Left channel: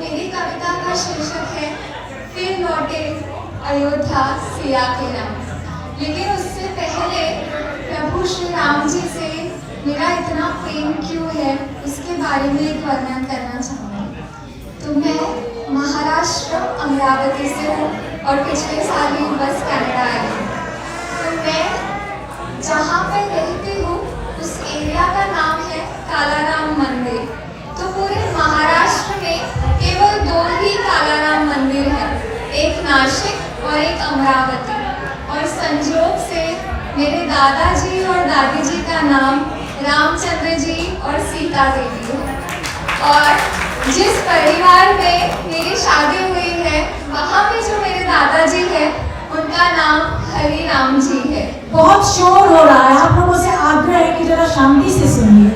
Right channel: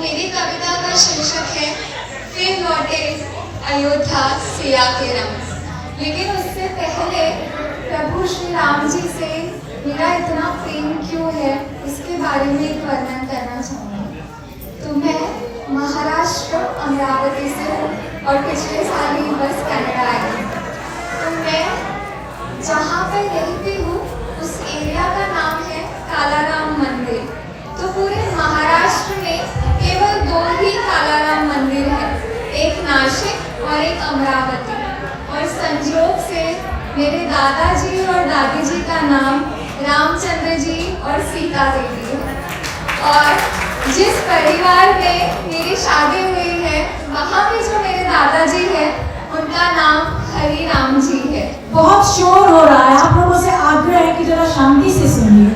मेरी कविता का शीर्षक है फिर लौटे अयोध्या सिया के राम। लेकिन उससे पहले प्रभु श्री राम जी से मेरा इतना प्रेम क्यों है इसके बारे में एक वर्णन करना चाहूँगी। तो मैं महाराष्ट्र अमरावती से हूँ और पिछले साल ही बस कनाडा आई हूँ। तो मैं जहाँ पर रहती हूँ उस एरिया का नाम है कालाराम मंदिर। तो पूरे महाराष्ट्र में केवल 2 ही कालाराम मंदिर है, एक नासिक और एक अमरावती। और संयोग से मेरे दादाजी और दादी जी का नाम रामचंद्र जी और सीता देवी है। और जिस परिवार में मेरी शादी हुई है वहाँ पे जो मेरे दादाजी है उनका नाम हरि राम जी है। बहुत शोर हो रहा है, आप लोगों से आग्रह है कि जरा शांति से सुनिए।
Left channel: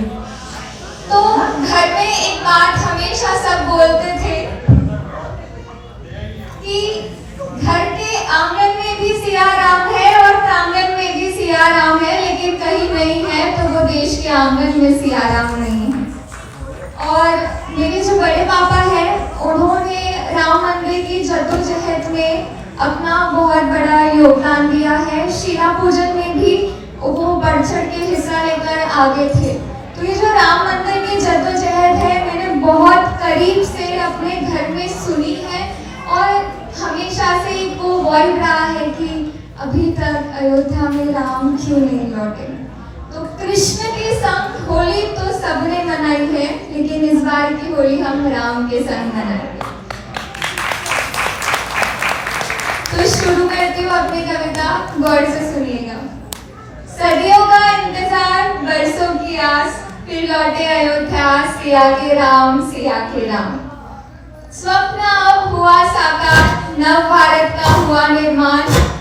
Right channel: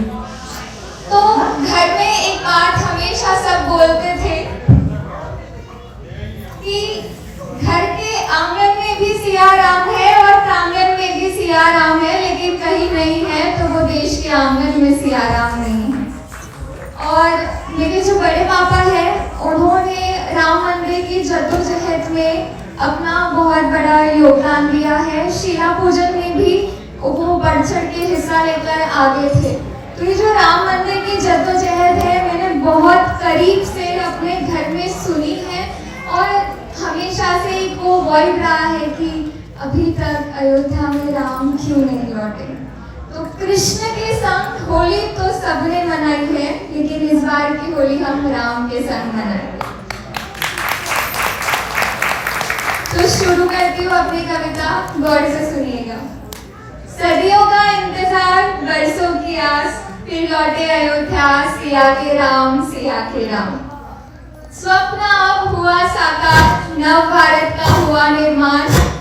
तो घर में एक बात हमेशा सब बोलते थे कि घर के आंगन में भी सिया राम है और प्रांगण में भी सिया राम है, लेकिन कहीं नहीं है तो वो देश के आंगन में सिया राम नहीं है। और मेरे जो बड़े पापा हैं उन्होंने राम मंदिर की जद्दोजहद में अपना बहुत बड़ा योगदान दिया है। शिला पूजन में भी वो बढ़ चढ़ के हिस्सा लेकर आगे थे। तो ये जो राम मंदिर की जद्दोजहद है मैंने बहुत करीब से अपने घर में सुनी है और हमेशा से एक वो वर्ड रहा है कि अभी तक अयोध्या में राम क्यों नहीं लौटे। तो कृष्ण के संग होली तो सबने मनाई है, लेकिन इस बार की होली हम राम के संग मनाएंगे। तो शुरू करती हूँ अपनी कविता, गौर से सुनिएगा। सदियों का इंतजार, बरसों की आस, फिर लौटे अयोध्या सिया के राम, सिया के राम। स्वप्न अब हुआ साकार, नव भारत का हुआ निर्माण,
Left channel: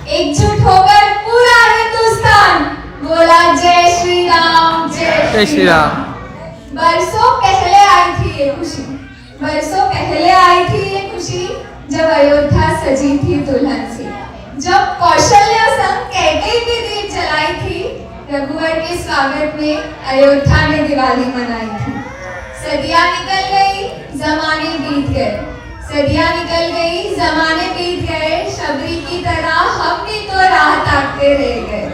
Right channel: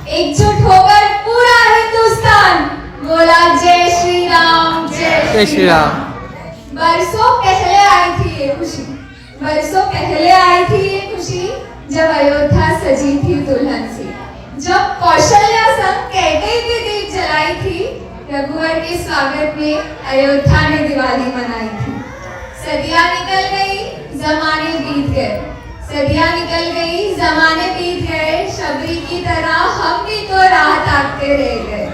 एकजुट होकर पूरा हिंदुस्तान बोला जय श्री राम, जय श्री राम। बरसों पहले आई थी ये खुशी, बरसों पहले आई थी ये खुशी, जब अयोध्या सजी थी दुल्हन सी, जब कौशल्या संग कैकेयी के दीप जलाई थी, रघुवर के स्वागत में अयोध्या ने दिवाली मनाई थी। सदियां निकल गई, जमाने बीत गए, सदियां निकल गई, जमाने बीत गए, शबरी की तरह हम भी तो राह ताकते रह गए।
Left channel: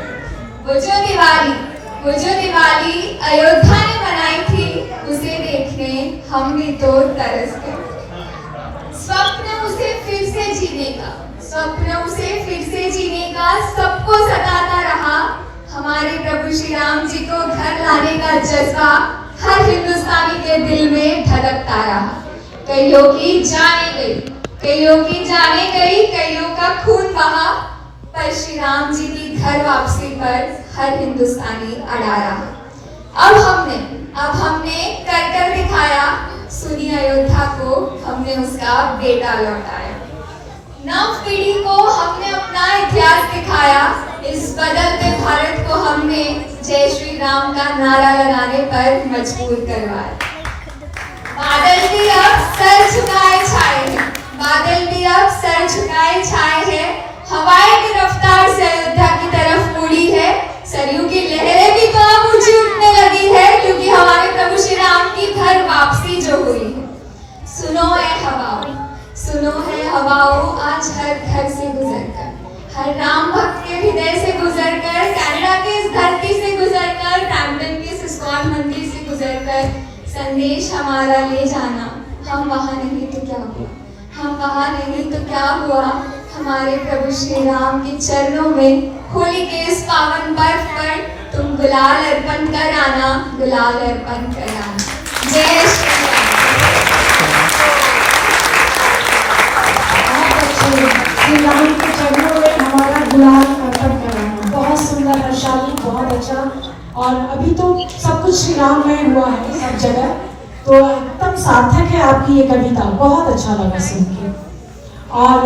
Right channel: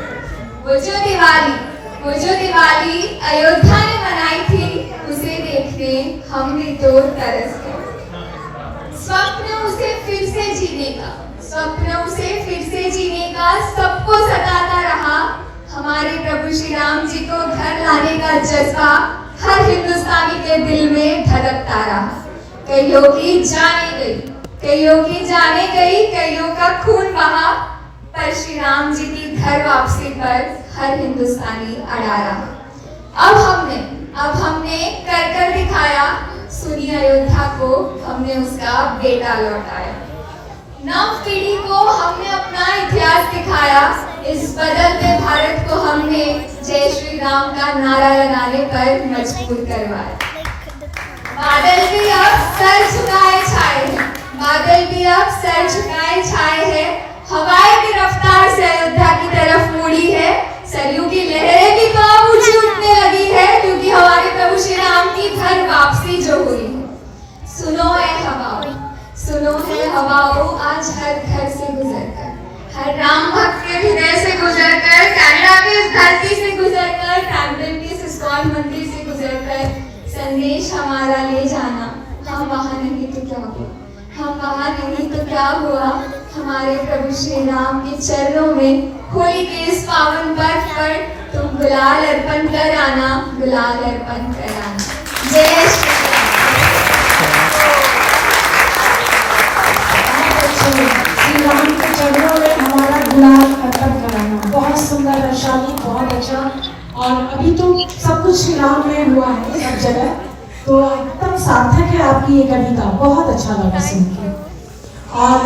वो जो दिवाली अयोध्या ने मनाई थी उसे देखने हम भी तो तरस गए। स्वप्न उसे फिर से जीने का, स्वप्न उसे फिर से जीने का सबको सताता रहा। हमारे प्रभु श्री राम जी को घर लाने का जज्बा हर हिंदुस्तानी के दिल में धड़कता रहा। कईयों की जाने गई, कईयों की जाने गई, कईयों का खून बहा, पर श्री राम जी की घर वापसी पर हर हिंदुस्तानी अड़ा रहा। अब हमने कर दिखाया, सुनी अयोध्या को हमने उसका बेटा लौटाया। नव पीढ़ी को हमने अपना इतिहास दिखाया, इस बदलते भारत को हमने जय श्री राम का नारा लगाने पर मजबूर करवाया। बादल भी अब सर झुकाए छाए हैं, बादल भी अब सर झुकाए छाए हैं, हवाएं की रफ्तार से अयोध्या की तरफ मुड़ी है, सरयू की लहरें भी तो अब ऊंची उठने लगी है, क्योंकि हमारे प्रभु श्री राम की घर वापसी जो हुई है। सुनो है हवाओं, सुनो है हवाओं, आज हर घर से गुजरकर, हर राम भक्त के हृदय से गुजरकर, कनाडा की इस धरती से गुजरकर, ब्रैम्पटन के इस इस्कॉन मंदिर से गुजरकर संदेश हमारा ले जाना। हम वहाँ नहीं तो क्या हुआ, हम वहाँ नहीं तो क्या हुआ, हमारे प्रभु श्री राम के चरणों में होली के इस पावन पर्व पर तुम गुलाल अर्पण कर आना, गुलाल अर्पण कर आना। जय श्री राम। श्री राम के चरणों में हमारा गुलाल अर्पण कराना, बहुत सुंदर वैशाली, बहुत अच्छा। और अभी तो सब कुछ श्री राम में हुआ है सब जगह, तो एकदम सार्थक है आपकी ये कविता, बहुत अच्छा लगा सुन के। और